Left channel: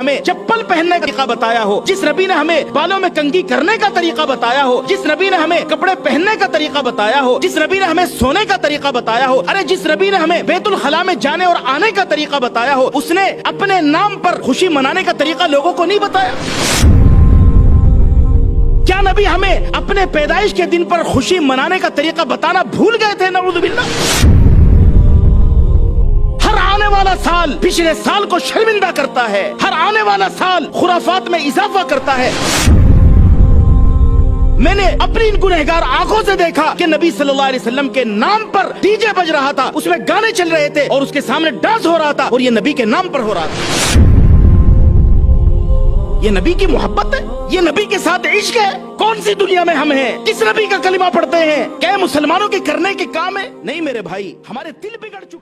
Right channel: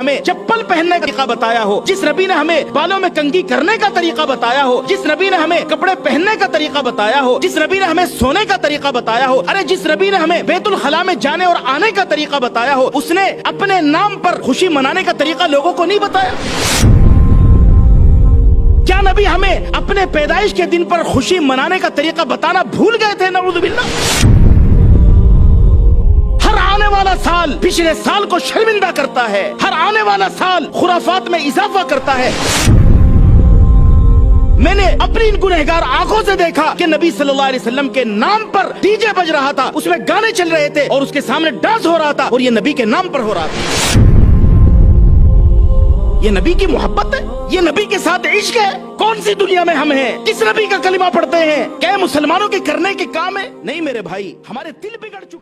ہمیں چپل پہننے کا طریقہ بتایا ہو، جس نبی نے ہمیں بالوں میں کنگھی کرنے کا طریقہ بتایا ہو، جس نبی نے ہمیں کپڑے پہننے کا طریقہ بتایا ہو، جس نبی نے ہمیں سونے کا طریقہ بتایا ہو، ارے جس نبی نے ہمیں بیت الخلاء میں جانے اور آنے کا طریقہ بتایا ہو، اس نے اپنے نام پر خوشی منانے کا طریقہ لوگوں کو نہیں بتایا؟ کیا نبی ہمیں اپنے پیدائش کے دن پر خوشی منانے کا طریقہ بتانا بھول گئے تھے؟ نعوذ باللہ۔ ہر آنے والا سال پچھلے سال کو شرمندہ کرتا ہے، ہر آنے والا سال خرافات میں اضافہ کرتا ہے۔ میں نے اپنی ان گنہگار آنکھوں سے دیکھا کہ نبی صلی اللہ علیہ وسلم کے نام پر ڈی جے بج رہا تھا، اس میں گانے چل رہے تھے اور اس کے سامنے ڈانس ہو رہا تھا، اور یہ نبی کے نام پر ہو رہا تھا۔ یہ نبی کی محبت ہے؟ یہ نبی کے ساتھ عشق ہے؟ کون سی دنیا میں ہم ہیں؟ کس نبی کا کلمہ پڑھتے ہیں؟ کیا مسلمانوں کے کرنے کے کام ہے؟ نہیں میرے بھائی، ہمارے دل بگڑ چکے۔